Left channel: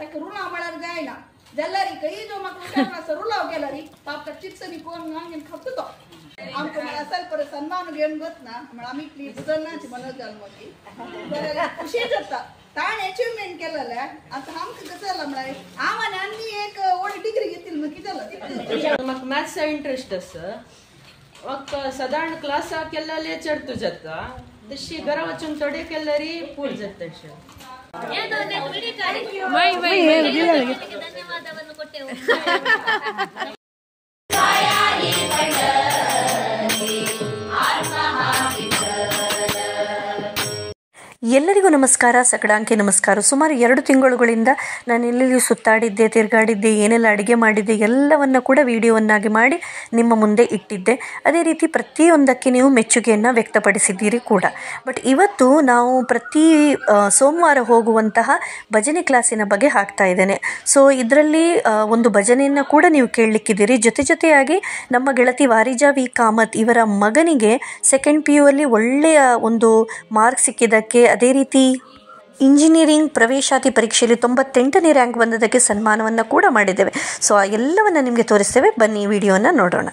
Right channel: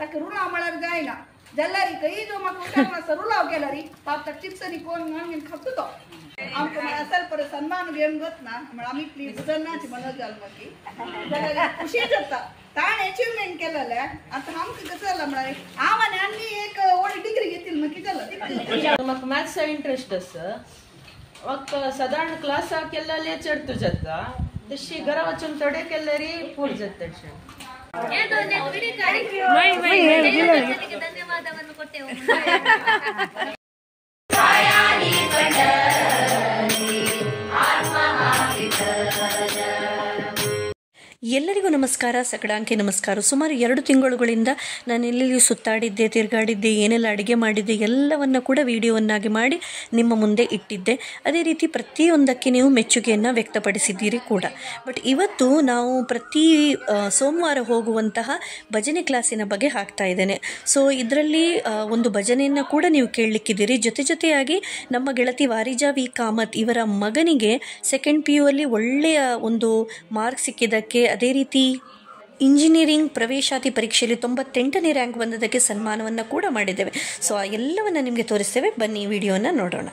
तक रुला मळर जायना जल्लारी कई जो मक उठाना सरुलाव गेलारी पाप तक चिप्स नि कोण नांगेन खपतो तो आमको मला असल पर सन्मान घेऊन गत ना मला आम्ही बुदनाची मनोज जन्मकी जरा खुशी जाता ताण अचीवमेंट केलेलं आता आमक कसं झालं म्हणाले आम्हाने आणली एक ओडी डिग्री घेतील मग किती झालं मग मॅथ्स इंटरेस्ट असं वक्त साधारण क्लास केलेले चढतो जाता दिशी घरा वचून थोडे केल्यारी पूर जात ಧನ್ಯವಾದವನ್ನು ಕೊಟ್ಟೆವು ಎಲ್ಲರಿಗೂ ನಮಸ್ಕಾರ, ಸಕಡಾಂಕಿ ನಮಸ್ಕಾರ. ಸುಮಾರು 2 ತಿಂಗಳುಗಳಿಂದ ನಾನು ಎಲ್ಲೆಲ್ಲಿ ಸುತ್ತಾಡಿದ್ದೆ, ತಿರುಗಾಡಿದ್ದೆ, ಏನೆಲ್ಲ ಅಡುಗೆ ಮಾಡಿದ್ದೆ ಎಲ್ಲವನ್ನು ಕೂಡ ವಿಡಿಯೋವನ್ನಾಗಿ ಮಾಡಿ ನಿಮ್ಮ ಮುಂದೆ ಇಟ್ಟಿದ್ದೆ. ಅದೇ ರೀತಿ ಪ್ರತಿಯೊಂದಕ್ಕೆ ನೀವು ಮೆಚ್ಚುಗೆಯನ್ನು ವ್ಯಕ್ತಪಡಿಸಿದ್ದೀರಿ ಕೂಡ. ಬಟ್ ಇವತ್ತು ನಾವು ಪ್ರತಿ ಸೋಮವಾರ ಹೋಗುವಂತಹ ಭಜನೆ ಕ್ಲಾಸಿನ ಬಗ್ಗೆ ಹಾಕ್ತಾ ಇದ್ದೇನೆ. ಸೊ ಇದರಲ್ಲಿ ಒಂದು ಭಜನೆಯನ್ನು ಕೂಡ ನೀವು ಕೇಳಲಿಕ್ಕಿದ್ದೀರಿ. ಜೊತೆಯಾಗಿ ನಮ್ಮ ಗೆಳತಿ ವಾರಿಜಾ ವಿ ಕಾಮತ್ ಇವರ ಮಗನಿಗೆ ಸೆಕೆಂಡ್ PU ಅಲ್ಲಿ ಒಳ್ಳೆಯ ಒಂದು ಮಾರ್ಕ್ ಸಿಕ್ಕಿದ್ದಕ್ಕೆ, ಅದೇ ರೀತಿ ಇಂಜಿನಿಯರಿಂಗ್ ಪ್ರವೇಶಾತಿ ಪರೀಕ್ಷೆಯಲ್ಲಿ 98ನೇ ರ್ಯಾಂಕ್ ಬಂದದಕ್ಕೆ ಸನ್ಮಾನವನ್ನು ಕೂಡ ಮಾಡಿದ್ದೇವೆ. ಸೊ ಆ ಎಲ್ಲವನ್ನು ನಿಮಗೆ ತೋರಿಸ್ತೇವೆ, ಬನ್ನಿ ಈ ವಿಡಿಯೋನ ನೋಡೋಣ.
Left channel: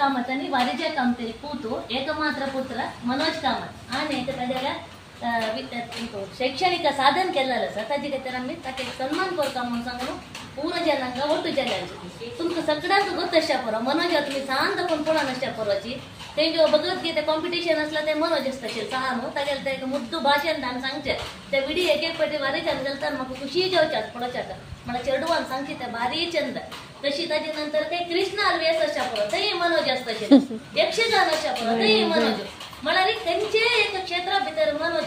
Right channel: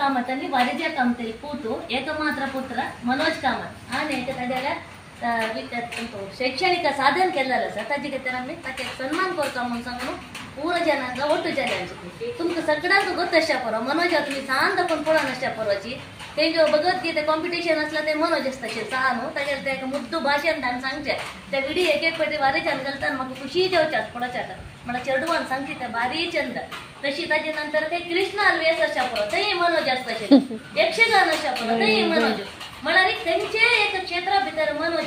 कामत वारिजा कामतरी पूतू एकमात्र पुत्र मनोज कामत आणि त्याला शैक्षणिक साधन केलेलं सर ताजे आम्ही ताचे सन्मान करता म्हणून सांगून पूर्ण जनांका ಒಟ್ಟು ಜನಾಂची तुमका सगळ्याक गोष्ट अशा परो मनोज तुम्ही सांग पण पुढे नसत्या परोची ते जो भगवद्गीता कॉम्पिटिशन असला ते मनोज असताचे सांगू ताजेल ते मुद्दू भाषण दान सांगचे ते विडी एक एक पटी वारे चंद घालताना मग खुशी जेवच्यात पडच्यात मला चेडवान सांगते ते भारी चंद तशी ताजे नंतर ते कृष्ण अल्वेस अशा परो ते मनोज असताचे यक्षगान अशा परो ते मनोज मला त्यांचे एक क्षेत्रा भितर मनोज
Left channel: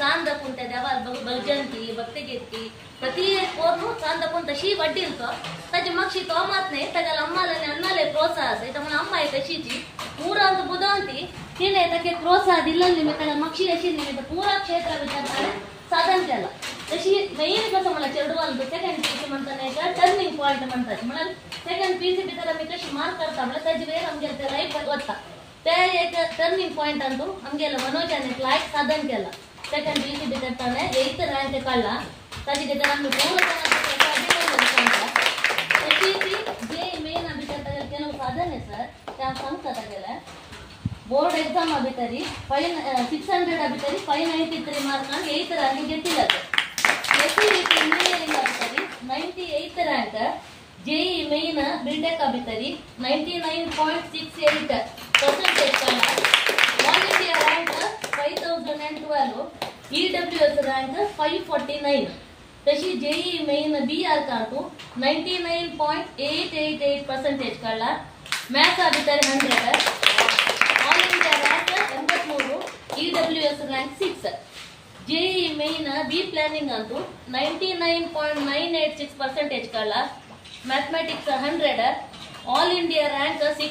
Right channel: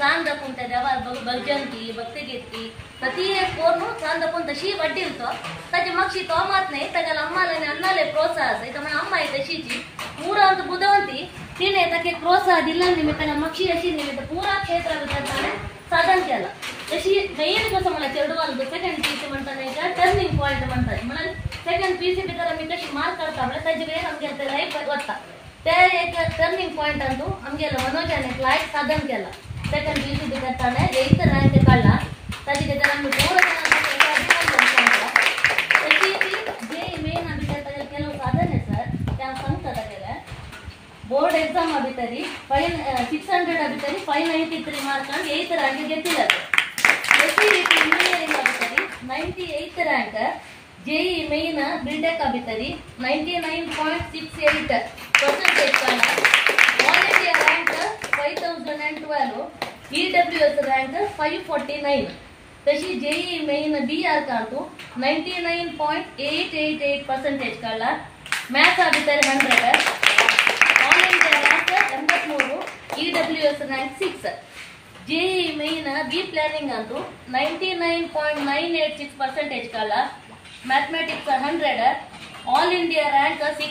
सांदपून त्या देवार भजंती भक्ती घेतली प्रति एक कोण सांदपून तशी वड्डील तो ताजी मक्षी तो मात नाही त्याला अम्माले अन्नाले प्रोत्साह असं इथं म्हणा अम्मा आहे तशीची पूरा ಅಂತ बुद्धवंती तिने ताके प्रोत्साह दिला निमित्त मक्षी अशी निमित्त पूरा क्षेत्र भितर साधन केलं तशी मेन कसं मला चेडवाल सेकंड पीसी म्हणताना का टर्निंग पॉइंट म्हणतात मला सेकंड पीसी भितर मी कशी मार्क करता मला त्याची वेळ आमच्या लाईफ वत्ता त्या एक टर्निंग पॉइंट अंतू आमगेला मनोजाने लायक साधन केला सेकंड पीसी भितर ताणे 8th रँक काढला ताजी भितर आम्ही पूर्ण तशी ती जे मेन भितर ಕೆಲವು ಸಾಧನೆ ಸರ್ त्या सांगतात गेला बोर्ड एग्जाम भितरी 600 भितरी 593 मार्क आणि 8th रँक घेतला इंजिनियरिंग भितरी 98th rank JEE main BTech भितरी 99.68% काढला all India rank 5012 EWS rank 549 तशी जेई मेन बीआर काढतो 99.888% काढला मैथ्स भितर 100 all India rank 83 EWS rank 6 JEE main B planning अंतू 99.986% काढला mathematics 100 all India rank 6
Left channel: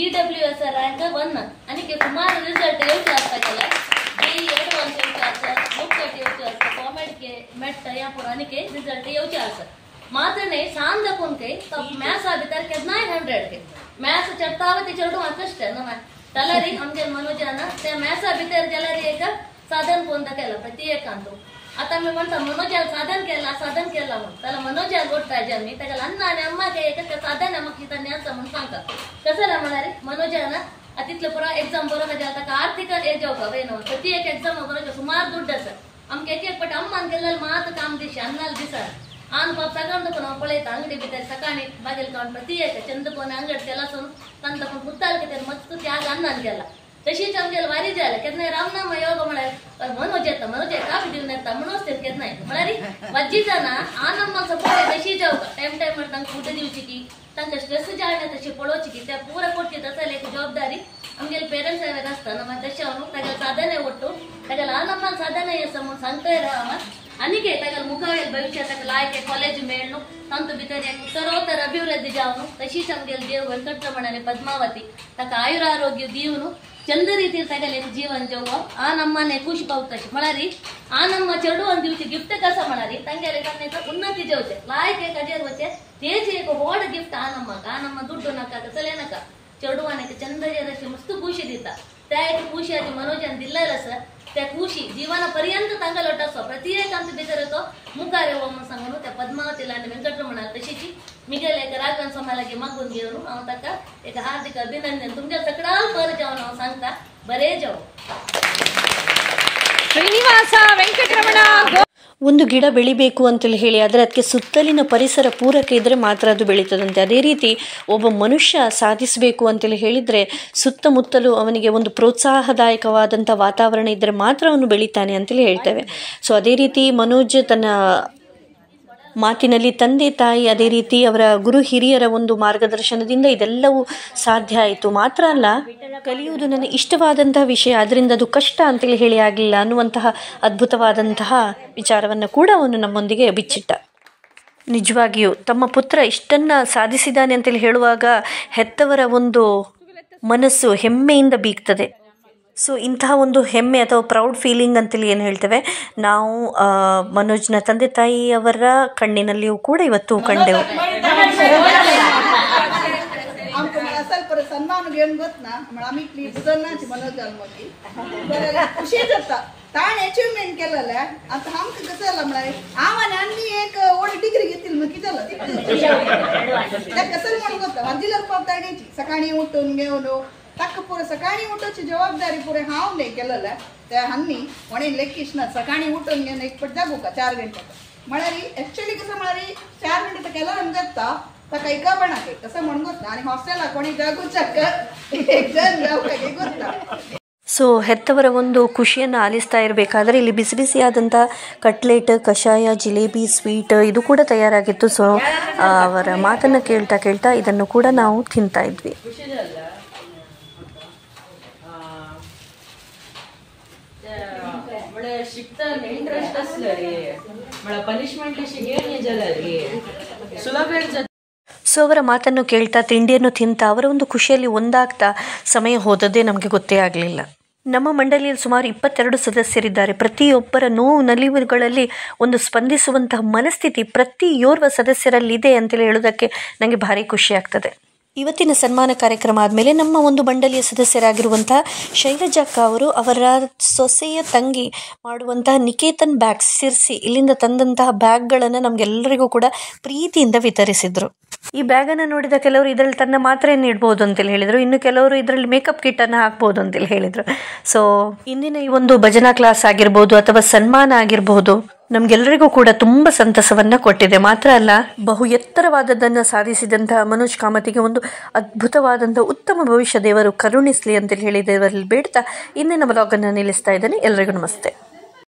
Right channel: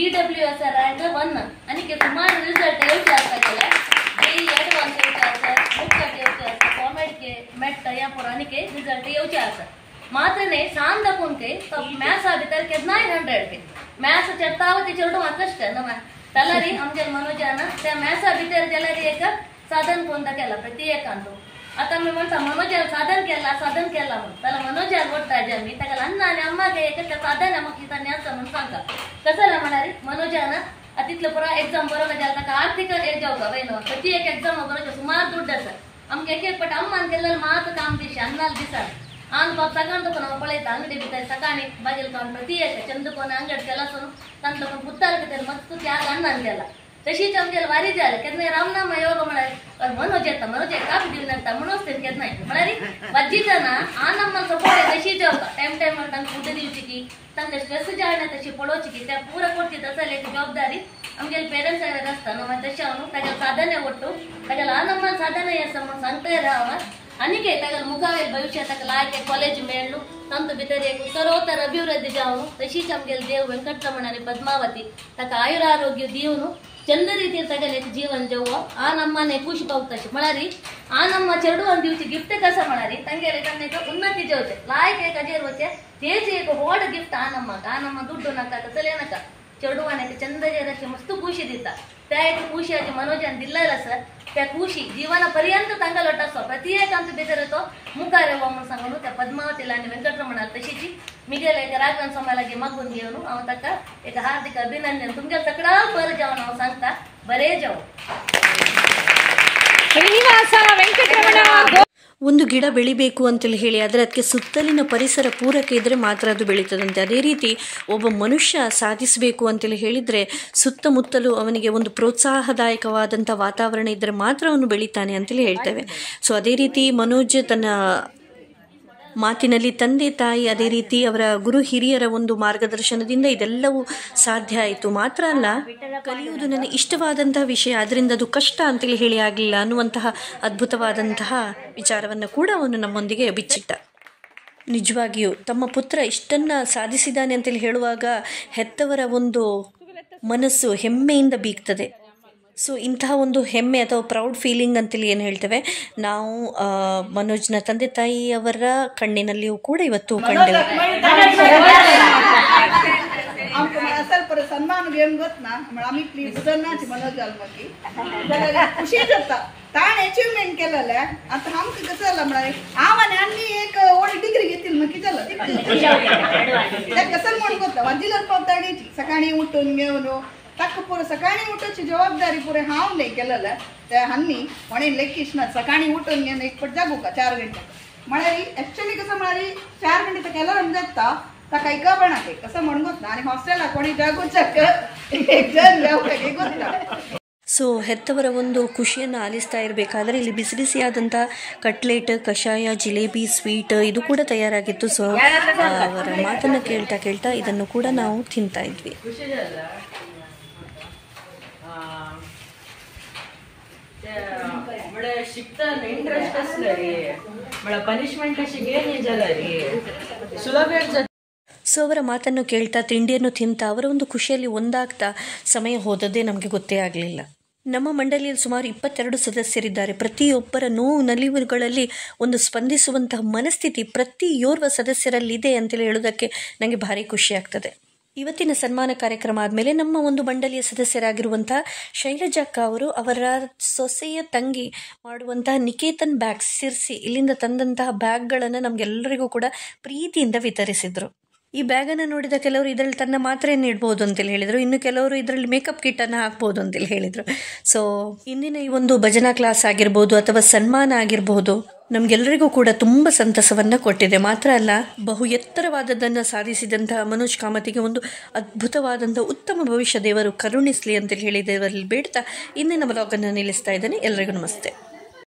EWS rank 1 आणि के सुमार रिझल्ट येवचे असता केला जेई एडवान्स येवचे असता मुख्यट येवचे असता कॉमेड के मेट या पुरानी के रिझल्ट येवचे असता मात्र ने शाम दपून के तो मैथ्स भितर के 900 के मैथ्स चट्टावती चरडू कष्ट न तलारी आमगे मनोजाना त्या मैथ्स भितर गेलारी एक साधन कोणता केला प्रत्येक अंतू आता मी म्हणता मनोजाला साधन केला म्हणून त्याला मनोजाला बोलता मी त्याला अन्न आणि अम्मा के एक साधन मग तिथं न्यायचं म्हणून सांगा कसं म्हणा रे मनोजाना तिथलं पुरा एक्झाम बरोबर जाता का आर्थिक एज होता वैन प्रत्येक एक्झाम वगैरे सुमार ದುಡ್ಡು सर आमगे एक एक पट अम्मान केलेलं मात काम दिशे अन्नाल दिसा आन पाप सगळ्यांचं पण पळयता अंगडी भितर सकाळी बागेल काढून प्रत्येक चंदकोन अंगड केला सोन तांतलं पण पुत्ताला किती मस्त त्याग अन्नान गेला तशीच आमगेला वारी जायला केदने रामनाम योग म्हणाले मनोज येता मनोज का दिलनंता मनोज ते केदना म्हणाली वज्जी जण आनम्म सपोर्ट तशी जेवता टाइम टाइम तांक फूड दिवची की तांक स्ट्रेस जायला तशी पळोवची की त्या पूरा कोटची तसले जबाबदारी आमगेल पेरेंट्स असता ನಮ್ಮ ತಶಾವನು ತಗಲ ಸಾಧನೆ ಒಟ್ಟು ತಗಲ ಆನಮ್ಮ ಸಾಧನೆ ಸಮ सांगता राहा आणि के तगल मुखावेल भविष्यात लायक कॉलेज मेळलो तंत भितर एक उत्तरोत्तर अभिवृद्धी जावनु तशीच आमगेल देव वेंकटरमण आणि पद्मावती तक आयुरारोग्य दिवनु चंद ರೀತಿ ತಗಲೆ ಜೀವನ ಜೋಗೋ ಆ ನಮ್ಮನೆ ಖುಷಿ ಪಾವುತಶಿ ಮಳರಿ ಆ ನಮ್ಮ ಚರಡು ಒಂದು ದಿವಸ ಗಿಫ್ಟ್ ಕಸ ಮಳರಿ ತಂಗೆರೆ ಕನ್ನೆಕ ಉನ್ನತಿ ಜೋತೆ लायक एक अजेर होते तेजी एक होड गिफ्ट आ ನಮ್ಮ ದುಡ್ಡು ನಕ ತಸಲೇನಕ चरडवाने चंद जे मस्त खुशी दिता त्या एक खुशी आधी मनोजान दिलेला सर त्या खुशी जीवनापर्यंत तांगा लोटसो प्रत्येक आमच्या भितर येतो मुखारे हो म्हणून सांगून त्या पद्मावतीला आणि वेंकटरमणाला तशीची मी गेले एक राघवन समालागे मागून घेऊन हांव ताका एक हार्दिक अभिनंदन तुमच्या सगळा बरं जाऊन हांव सांगता बरे जाऊ ಶ್ರೀನಿವಾಸ ವೆಂಕಟರಮಣ. ಒಂದು ಗಿಡ ಬೆಳಿಬೇಕು ಅಂತೇಳಿ ಹೇಳಿ ಆದರೆ ಅದಕ್ಕೆ ಸುತ್ತಲಿನ ಪರಿಸರ ಪೂರಕ ಇದ್ದರೆ ಮಾತ್ರ ಅದು ಬೆಳೀತದಂತೆ. ಅದೇ ರೀತಿ ಒಬ್ಬ ಮನುಷ್ಯ ಸಾಧಿಸಬೇಕು ಅಂತೇಳಿ ಹೇಳಿದರೆ ಸುತ್ತಮುತ್ತಲೂ ಅವನಿಗೆ ಒಂದು ಪ್ರೋತ್ಸಾಹದಾಯಕವಾದಂಥ ವಾತಾವರಣ ಇದ್ದರೆ ಮಾತ್ರ ಅವನು ಬೆಳೀತಾನೆ ಅಂತೇಳಿ ಹೇಳ್ತೇವೆ. ಸೊ ಅದೇ ರೀತಿ ಮನೋಜ್ ತನ್ನ ಮಾತಿನಲ್ಲಿ ತಂದೆ ತಾಯಿ ಅದೇ ರೀತಿ ಅವರ ಗುರು ಹಿರಿಯರ ಒಂದು ಮಾರ್ಗದರ್ಶನದಿಂದ ಇದೆಲ್ಲವೂ ಸಾಧ್ಯ ಆಯಿತು. ಮಾತ್ರ ಅಲ್ಲ, ಕಲಿಯುವುದು ನನಗೆ ಇಷ್ಟವಾದಂತಹ ವಿಷಯ, ಅದರಿಂದ ಅದು ಕಷ್ಟ ಅಂತೇಳಿ ಹೇಳಿ ಆಗಲಿಲ್ಲ ಅನ್ನುವಂತಹ ಅದ್ಭುತವಾದಂತಹ ವಿಚಾರವನ್ನು ಕೂಡ ಅವನು ನಮ್ಮೊಂದಿಗೆ ಬಿಚ್ಚಿಟ್ಟ. ನಿಜವಾಗಿಯೂ ತಮ್ಮ ಪುತ್ರ ಇಷ್ಟನ್ನು ಸಾಧಿಸಿದ್ದಾನೆ ಅಂತೇಳಿ ಹೇಳುವಾಗ ಹೆತ್ತವರ ಒಂದು ಮನಸ್ಸು ಹೆಮ್ಮೆಯಿಂದ ಬೀಗ್ತದೆ. ಸೊ ಇಂತಹ ಒಂದು ಹೆಮ್ಮೆ ಅಥವಾ ಪ್ರೌಡ್ ಫೀಲಿಂಗ್ ಅಂತೇಳಿ ಏನು ಹೇಳ್ತೇವೆ ನಾವು ಮನೋಜ್ನ ತಂದೆ ತಾಯಿಯವರ ಕಣ್ಣಿನಲ್ಲಿಯೂ ಕೂಡ ಇವತ್ತು ಕಂಡೆವು. आमकां असल पर सन्मान घेवन वतना आमी इतली बुजनाची मनोज जाल्मकी जाल्यार खुशी जाता. ताण अचिव्हमेंट केलेले आतां आमकां कसं जालां म्हळ्यार हांव आनी आनी एक व्हड डिग्री घेतली मग कितें जालां तें कसं म्हणून वता वाजिल्यार पावता घ्यायची सकाळी उठून घेऊन ताका पुरो सकाळी उठोवची जबाबदारी पुरे हांव नाही केलेलं त्या हांनी म्हणेन लेखीश ना सकाळी उठून घेऊन एक पट जागू का 4 घंटे म्हळ्यार एक्चुअली कसं म्हळ्यार 4 घंटे तर केल्यार जगता ताका एका बनाके कसं म्हणून ना आणि हॉस्टेला कोणी जागूचक एक जण जावಕಾಗೆ ಗೊತ್ತಾ ಸೊ ಹೆತ್ತವರ ಒಂದು ಖುಷಿಯನ್ನು ಆಲಿಸ್ತಾ ಇರಬೇಕಾದ್ರೆ ಇಲ್ಲಿ ಬಿಸಿ ಬಿಸಿಯಾದಂಥ ಕಟ್ಲೆಟ್ ಕಷಾಯ ಜಿಲೇಬಿ ಸ್ವೀಟ್ ಇದು ಕೂಡ ತಯಾರಾಗಿತ್ತು. ಸೊ ಅವರ ಮಾತನ್ನು ಕೇಳ್ತಾ ಕೇಳ್ತಾ ಇದನ್ನು ಕೂಡ ನಾವು ತಿಂತಾ ಇದ್ವಿ. शिकताना इंटरेस्ट असलं रे मला पनिशमेंट अशी घेणे जरा रे ಸುಲಭ ಸೊ ಅವರ ಮಾತನ್ನು ಕೇಳ್ತಾ ತಿಂಡಿಯನ್ನು ತಿಂತಾ ಅವರ ಒಂದು ಖುಷಿಯಲ್ಲಿ ಒಂದಾಗ್ತಾ ಸಮಯ ಹೋದದ್ದೇ ನಮಗೆ ಗೊತ್ತೇ ಆಗಲಿಲ್ಲ. ನಮ್ಮ ಮಂಡಳಿಯಲ್ಲಿ ಸುಮಾರು 22 ಸದಸ್ಯರಿದ್ದಾರೆ. ಪ್ರತಿಯೊಬ್ಬರ ನೋವು ನಲಿವುಗಳಲ್ಲಿ ಒಂದು ಸ್ಪಂದಿಸುವಂತಹ ಮನಸ್ಥಿತಿ ಪ್ರತಿಯೋರ್ವ ಸದಸ್ಯರಲ್ಲಿದೆ ಅಂತೇಳಿ ಹೇಳೋದಕ್ಕೆ ನನಗೆ ಭಾರಿ ಖುಷಿ ಆಗ್ತದೆ. ಇವತ್ತಿನ ಸನ್ಮಾನ ಕಾರ್ಯಕ್ರಮ ಆದಮೇಲೆ ನಮ್ಮ ಒಂದು ಮಂಡಳಿಯ ಸದಸ್ಯರಾಗಿರುವಂತಹ ಶೈಲಜಕ್ಕ ಅವರು ಅವರ ಸೊಸೆಯ ತಂಗಿ ಮಾಡುವಂತಹ ನಿಕೇತನ್ ಬ್ಯಾಗ್ಸ್ ಸಿರ್ಸಿ ಇಲ್ಲಿಂದ ತಂದಂತಹ ಬ್ಯಾಗ್ಗಳನ್ನು ನಮಗೆಲ್ಲರಿಗೂ ಕೂಡ ಪ್ರೀತಿಯಿಂದ ವಿತರಿಸಿದರು. ಈ ಬ್ಯಾಗನ್ನು ನೋಡಿದ ಕೆಲವರು ಇದರಲ್ಲಿ ತನ್ನ ಮಾತ್ರೆಯನ್ನು ಇಡ್ಬೋದು ಅಂತೇಳಿ ಹೇಳಿದರು, ಇನ್ನು ಕೆಲವರು ಇದರಲ್ಲಿ ಮೇಕಪ್ ಕಿಟ್ಟನ್ನು ಹಾಕ್ಬೋದು ಅಂತೇಳಿ ಹೇಳಿದರು. ಸೊ ಇಂದಿನ ಈ ಒಂದು ಭಜನಾ ಕ್ಲಾಸ್ ಆಗಿರ್ಬೋದು ಅಥವಾ ಸನ್ಮಾನ ಆಗಿರಬಹುದು ನಮಗೆಲ್ಲರಿಗೂ ಕೂಡ ತುಂಬ ಸಂತಸವನ್ನು ಕೊಟ್ಟಿದೆ. ಮಾತ್ರ ಅಲ್ಲ, ಬಹು ಎತ್ತರವಾದದ್ದನ್ನು ಸಾಧಿಸಿದಂತಹ ಮನೋಜ್ ಕಾಮತಿಗೆ ಒಂದು ಅದ್ಭುತವಾದಂಥ ಉತ್ತಮ ಭವಿಷ್ಯ ದೇವರು ಕರುಣಿಸಲಿ ಅಂತೇಳಿ ಹೇಳಿ ದೇವರಲ್ಲಿ ಬೇಡ್ತಾ ಇಂದಿನ ವ್ಲಾಗನ್ನು ನಿಲ್ಲಿಸ್ತಾ ಇದ್ದೇನೆ. ಎಲ್ಲರಿಗೂ ನಮಸ್ತೆ.